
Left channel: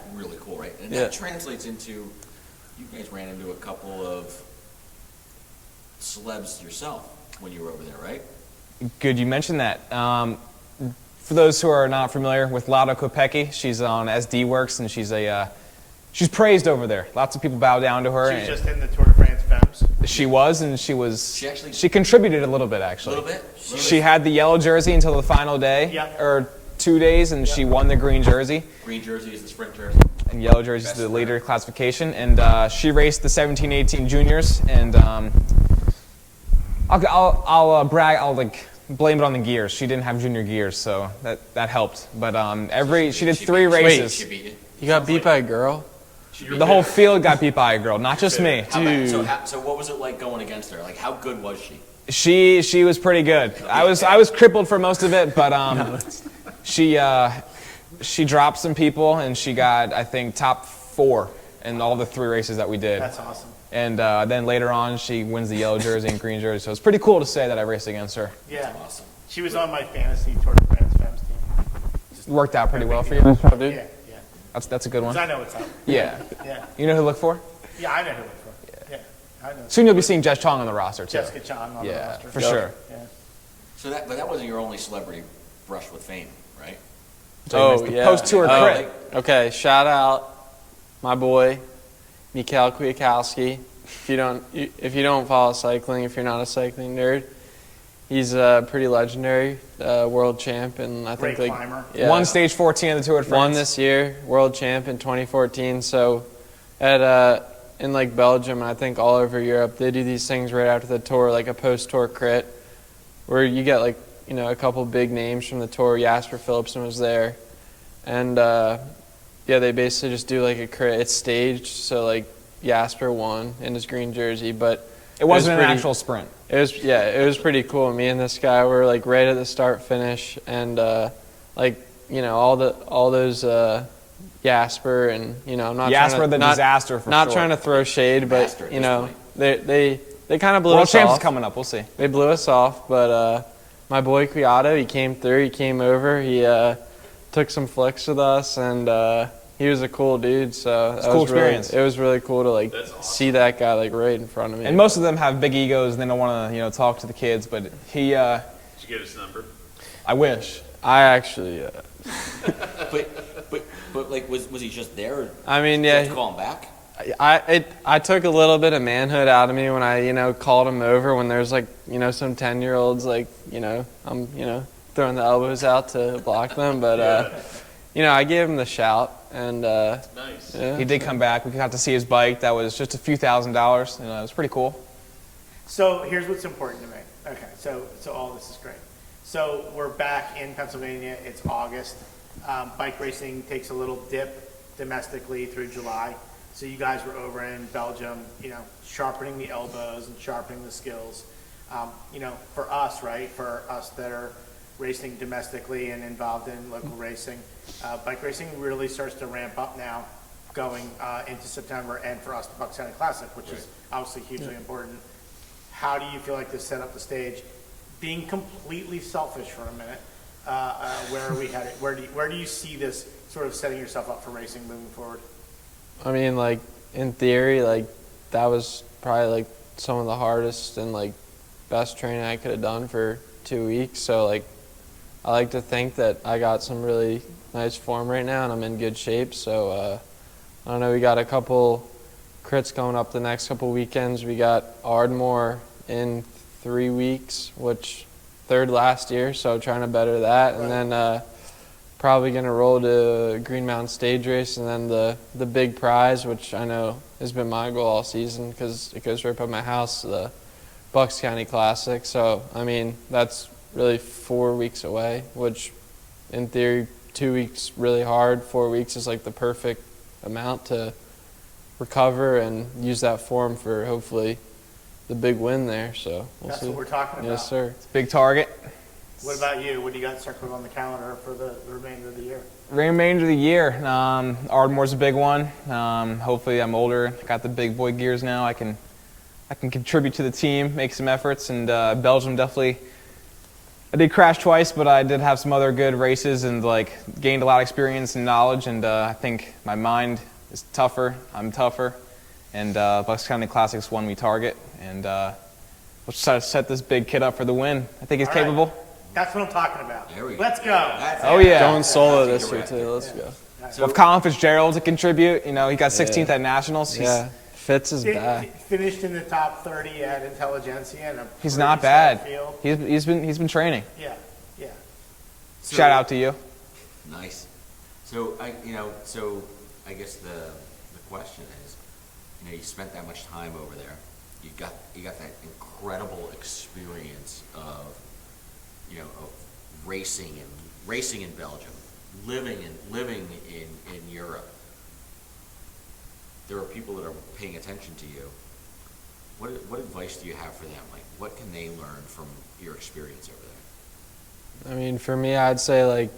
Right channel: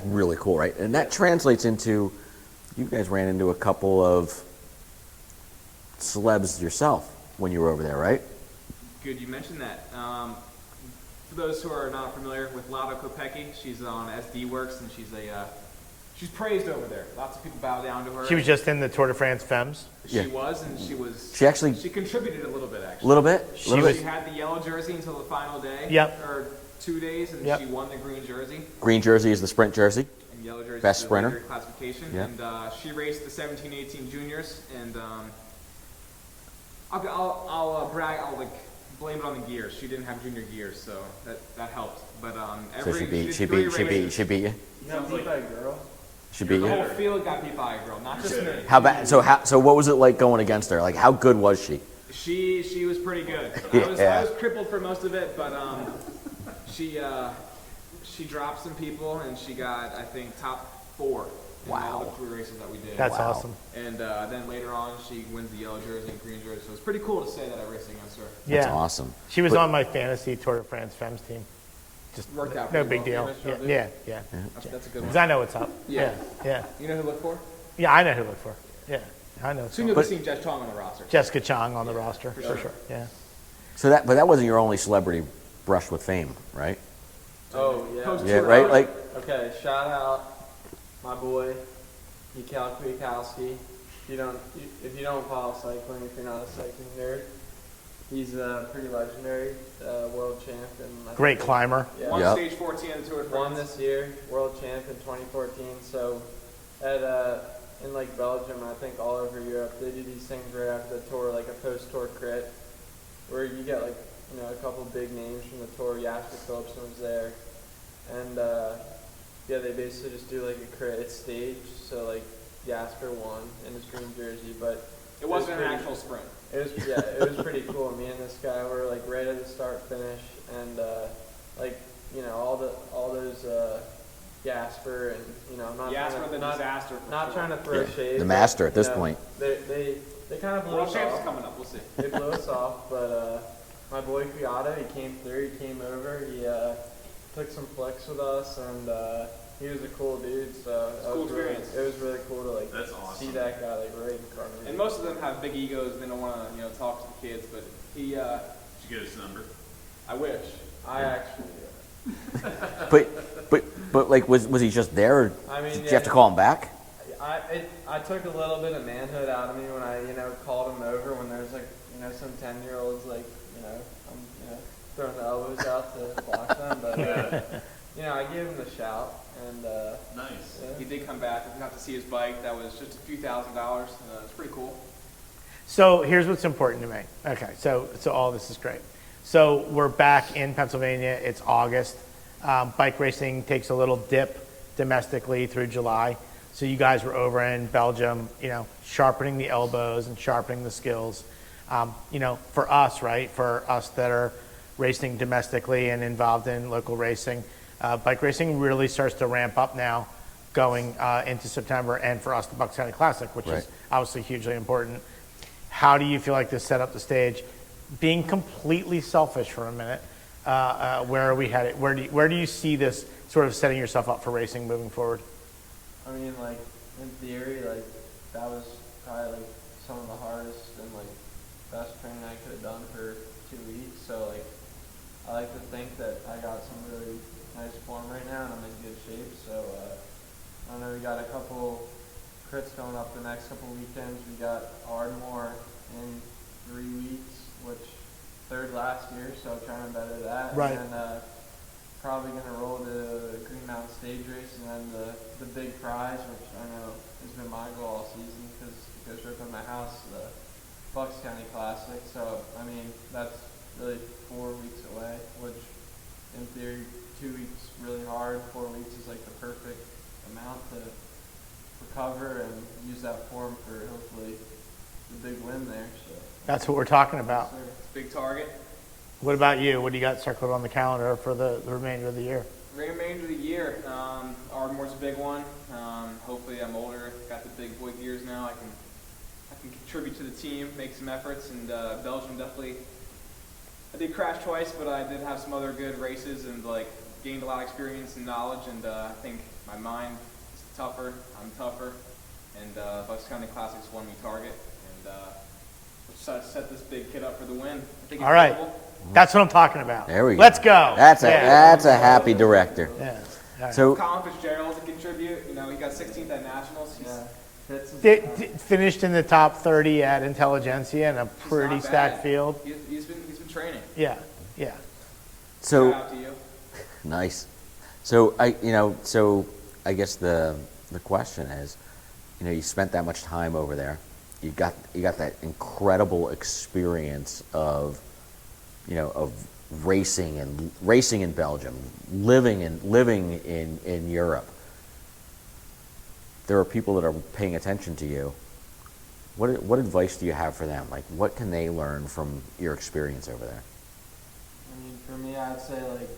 really cool, right? And that translates into, you guys ran into a couple of celebs yourself when you were over there, right? Good you mentioned that. For those who are not familiar with Lada Kopecky, she's on SD Works, and she's praised over there. Lots of people bow down to her. She was just in the Tour de France Femmes. She was, and she contributed a little bit, actually. A little bit? She had the yellow jersey until the final day. Yep. Or 2 days, and she won the green jersey. Green jersey is the sprint jersey. And yellow jersey is the later classification. And she raced the 17-18 juniors, and I'll brag, I'll like blame it on the gears. She didn't have junior gears, so that helped. But she did 3 races. She beat you? You got beat by a girl? The whole field got beat by a girl, not just me. So what was it like going against her? Like, how good was she? She was pretty good. I was crippled for most of it, but she dropped some people, and she got, I think, top 4 in all the 3 races that we did. That's awesome. And then later on, she wins the yellow jersey and green jersey. So it's pretty cool to say that I raced against her. Yeah. That's awesome. She was on my fantasy Tour de France Femmes team. Just worked out pretty No well big for you. deal. Yeah. That's a good one. Because I know what's up. Yeah. Yeah. You know who to look for? Yeah, I know who to look for. Yeah. I know. Soon you'll be seeing Jess Chong on the roster, too. Jessica Chong on the roster. For sure. Yeah. But that wasn't your only celebrity brush with fame, right? Oh, yeah. Post-tour Yeah. crit. Like, Okay, shout out my boy, Mikhail Kwiatkowski. If you don't follow cycling, if you're not a cycling nerd, he's pretty legendary, world champ, and I Great think climber. Yeah, Won stage 14 of the Tour de France. won this year, world champ in 2014. So in like Belgium and I think all over Europe, they do these things right after the tour, like a post-tour crit, where you get like a couple big names from the tour. Jasper Philipsen was there, and they basically just do like a crit. It's staged, so like Jasper won in his green jersey, but It wasn't an actual sprint. it was pretty cool. Me and this guy were like right at the start finish, and all those Jasper and I'm not Jasper trying to, the not, disaster for not sure. trying to throw shade, The but master at this point. they kind of blew World us champs off. is coming up. We'll see. They blew us off, but my boy Kwiato, he came through. He came over. He took some flicks with us, and he was a cool dude. So It's a cool experience. It was really cool to like That's awesome. see that guy like right in front of me. And most of them have big egos. They don't want to talk to the kids, but he. Did you get his number? I wish. I actually, But like, was he just there? Or I mean, did you have to call him back? I took a little bit of manhood out of me when I called him over when there's like some 10-year-olds like I'm throwing the elbows out to block them, but I gave him the shout, and Nice. yeah. He did come back. We got to see his bike. That was just a few $1,000s. It was pretty cool. So here's what's important to me. Okay, so all this is great. So we're back in Pennsylvania. It's August. Bike racing takes a little dip domestically through July. So you guys were over in Belgium, sharpening the elbows and sharpening the skills. For us, right? For us that are racing domestically and involved in local racing, bike racing really starts to ramp up now going into September, and for us, the Bucks County Classic, which is obviously hugely important. How do you feel like this set up the stage? Being completely selfish for a minute, where are we headed? Where do you see this sort of setting yourself up for racing moving forward? I mean, like in theory, like that was probably like some of the hardest and like best training I could have done for 2 weeks. So like I like to think that I got some really nice form right now, and I'm in good shape. So I don't know. We got a couple crits coming up the next couple weekends. We got Ardmore in 3 weeks, which third last year, so trying to better that. Right. And then probably going to roll to Green Mountain Stage Race, and then the big prize, which I know has been my goal all season because it goes right by my house, the Bucks County Classic. So, I mean, that's really 4 weeks away, which in theory 2 weeks really hard. 4 weeks is like the perfect amount to recover and use that form for hopefully the big win there. So we'll That's see. what we're talking about. Yes, sir. Big target. What about you? What do you got circled on the calendar for the remainder of the year? Remainder of the year, Ardmore's a big one. Hopefully I'm older, got the big boy gears now. I can contribute to the team, make some efforts, and Belgium definitely. I did crash twice, but I did have some other good races and like gained a lot of experience and knowledge. And I think my mind is tougher. I'm tougher, and Bucks County Classic's one we target. And we'll just try to set this big kid up for the win. I think he's All right. capable. That's what I'm talking about. There we go. Let's go. That's a, Going that's a solo happy this year, director. too. Let's Yeah. go. So With Colin Fitzgerald to contribute, you know, he got 16th at Nationals. Yeah, Fitz is Did- back. Finished in the top 30 at Intelligentsia in a He's pretty not stacked bad. field. He's been training. Yeah, yeah. so, Shout out to you. Nice. So I guess the question is, you spent that much time over there. You got that incredible experience of racing in Belgium, living in Europe. There are people that are paying attention to you. What advice do you have for them? Like, what can they learn from your experience over there? I mean, for me, I'd say, like,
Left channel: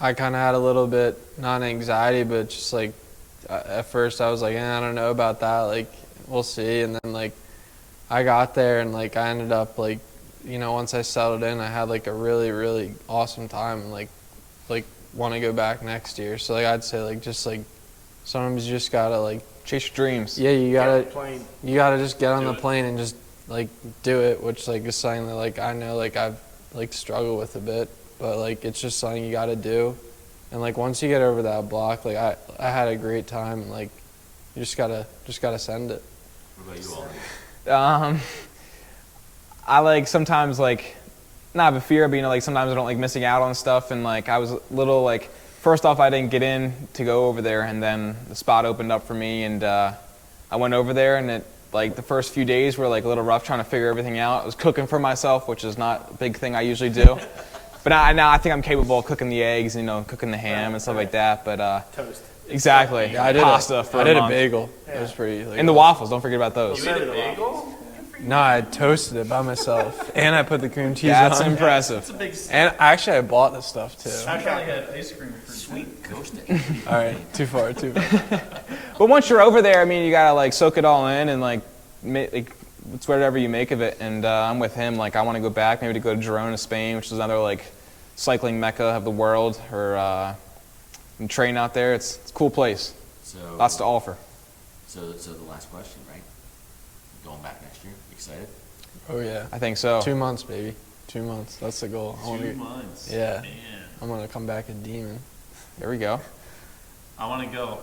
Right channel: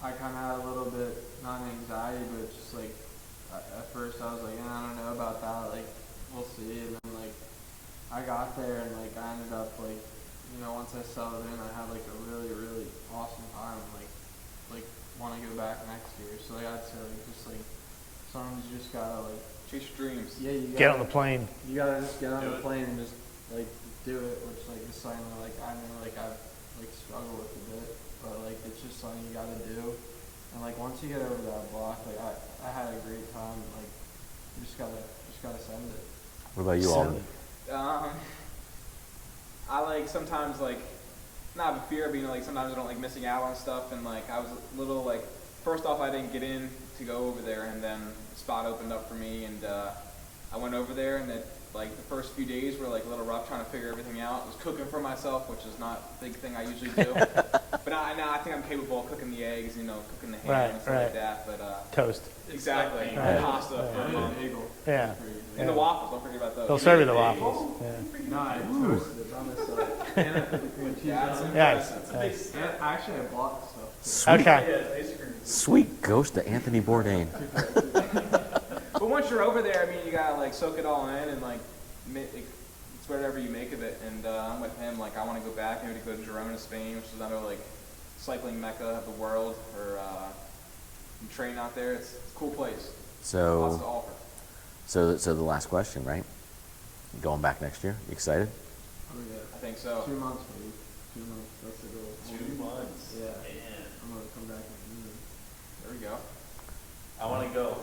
I kind of had a little bit, not anxiety, but just, like, at first I was like, I don't know about that. Like, we'll see. And then, like, I got there and, like, I ended up, like, once I settled in, I had, like, a really, really awesome time and, like want to go back next year. So, like, I'd say, like, just, like, sometimes you just got to, like, Chase your dreams. yeah, you Get on got the to plane. you got to just get on Do the it. plane and just, like, do it, which, like, is something that, like, I know, like, I've, like, struggled with a bit, but, like, it's just something you got to do. And, like, once you get over that block, like, I had a great time, and, like, you just gotta send it. What about you, Alden? I like sometimes like not have a fear, but like sometimes I don't like missing out on stuff, and like I was a little like first off I didn't get in to go over there, and then the spot opened up for me, and I went over there, and it like the first few days were like a little rough trying to figure everything out. I was cooking for myself, which is not a big thing I usually do, but now I think I'm capable of cooking the eggs, cooking the ham Right, and stuff right. like that. But Toast. exactly, I did pasta for I a did a month. bagel. Yeah. It was pretty. Like, And the waffles, don't forget about We'll those. serve you the waffles. No, I toasted it by myself, and I put the cream cheese That's on. impressive. And actually, I bought the stuff too. Okay. Sweet ghost of Anthony All Bourdain. right, too far, too far. But once you're over there, I mean, you gotta like soak it all in and like it's whatever you make of it. And I'm with him. Like I want to go back, maybe to go to Girona, Spain, which is another like cycling mecca of the world, or and train out there. It's a cool place. So Lots to offer. So the last question, right? Going back next year. You excited? Oh yeah, I think so. 2 months, baby. 2 months. That's the goal. I wanna 2 be- months. Yeah. Man, I'm gonna come back a demon. There we go. I want to go.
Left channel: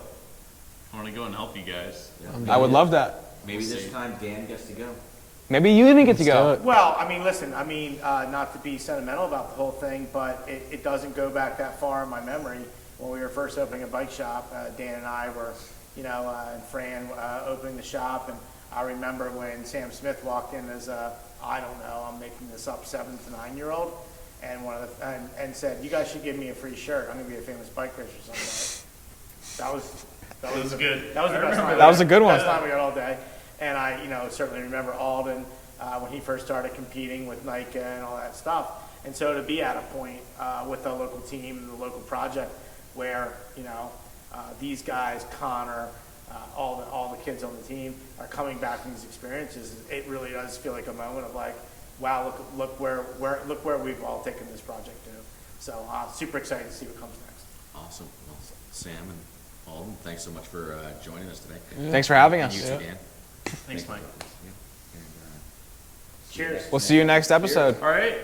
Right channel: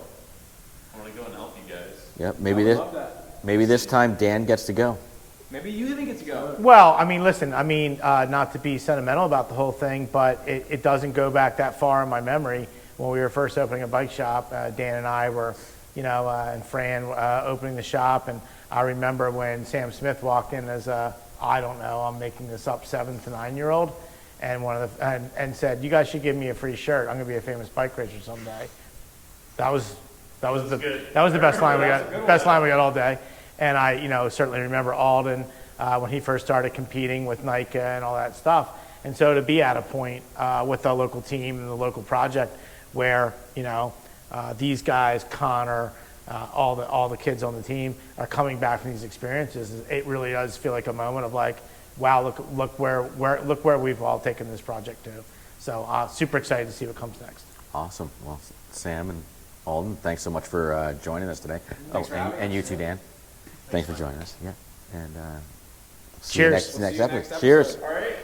I want to go and help you guys. Yeah. I would love that. Maybe this time Dan gets to go. Maybe you even get to Let's do go. it. Well, I mean, listen, not to be sentimental about the whole thing, but it doesn't go back that far in my memory. When we were first opening a bike shop, Dan and I were, and Fran opening the shop, and I remember when Sam Smith walked in as I don't know, I'm making this up, 7 to 9-year-old, and and said, "You guys should give me a free shirt. I'm gonna be a famous bike racer someday." That was good. That was the best line. That was a good one. Best line we got all day. And I, certainly remember Alden when he first started competing with NICA and all that stuff. And so to be at a point with the local team and the local project where, these guys, Connor, all the kids on the team are coming back from these experiences, it really does feel like a moment of like, wow, look where we've all taken this project to. So super excited to see what comes next. Awesome. Well, Sam and Alden, thanks so much for joining us today. Thanks for having and us. you too, Dan. Thanks for Mike. joining us. Yeah. And Cheers. We'll see you next episode. Cheers. All right.